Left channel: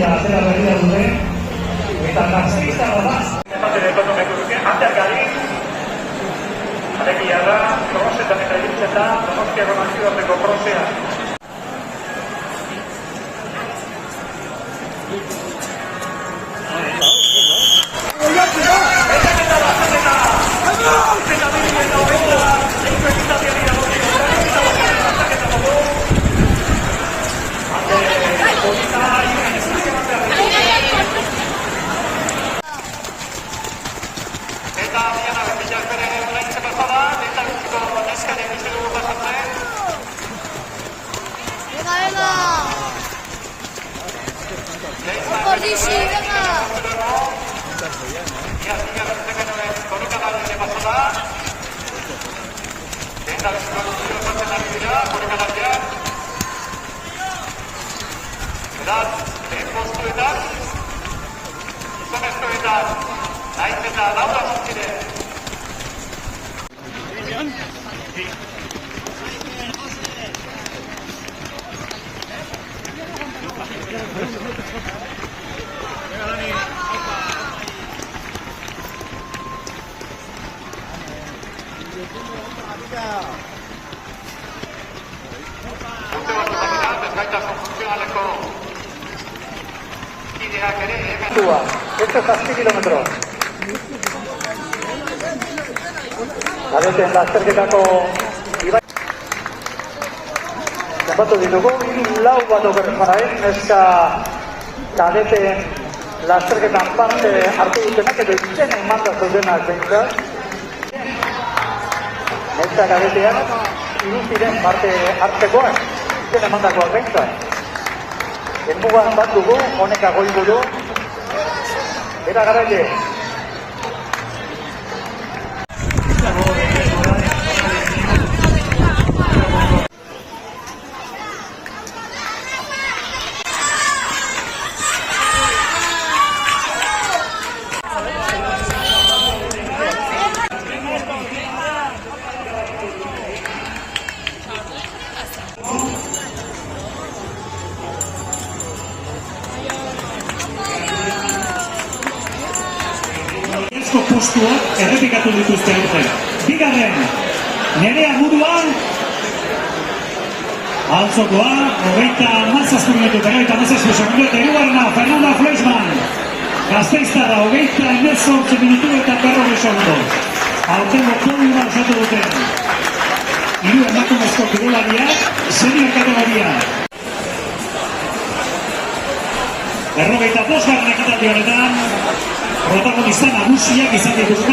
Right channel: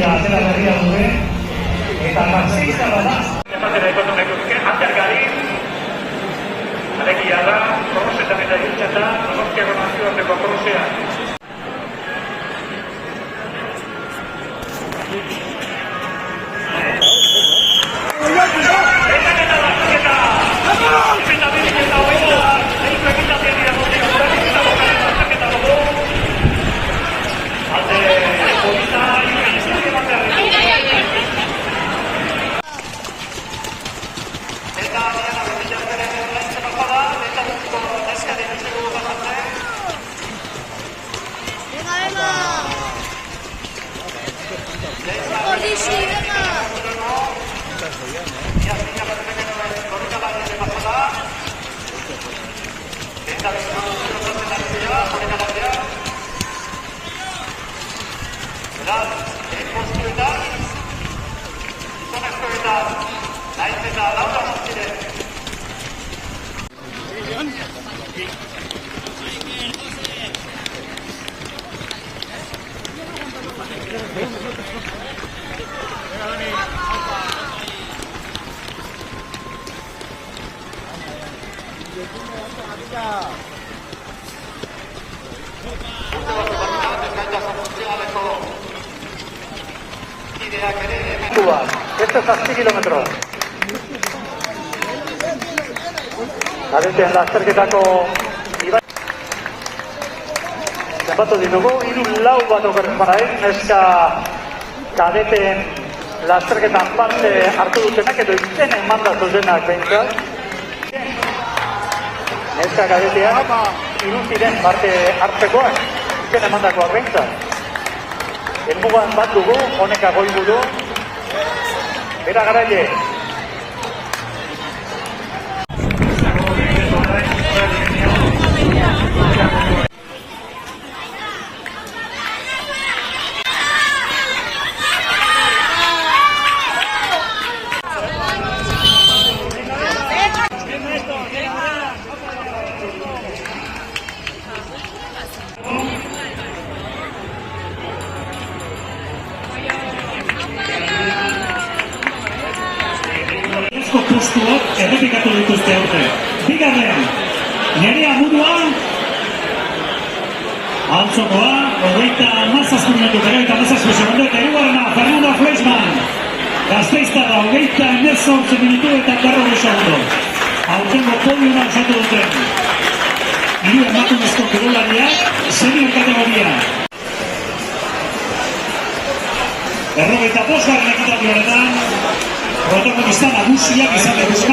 Gazteria atera berria duen, eta Gazteiz da. Emate dutatu nekuzke, ateak gari, alegia da, Donostian eta irutzen da, Donostiako nazioarteko prozea. Esto es a 6 kilómetros. Baduten lasterketako konbatu ditugu, lau bat okorren barain, neska kadeten lasterketan parte hartu dutenak, edo izen emanda zuzenak bentzak. Neska kadetean, iruziren parte hartzekoak, izen emandakoak bentzak. Elmugan bat dugu, honek agoigu du, bera garaile. Postuak errepikatu dituzte aurten. Bigarren, Nerea Buruan, altzokoa, 27 minutu, 27 segundu, eta hirugarrena, Fernanda Fleischmann. Gasteiztarra, 28 minutu eta 40 segundu. Aurtengo podiuma osatu duten. Hiru emakumezko kirolariak, senior kategoria. 25 ekitaldi honetan, protagonista nagusiak izan dituzte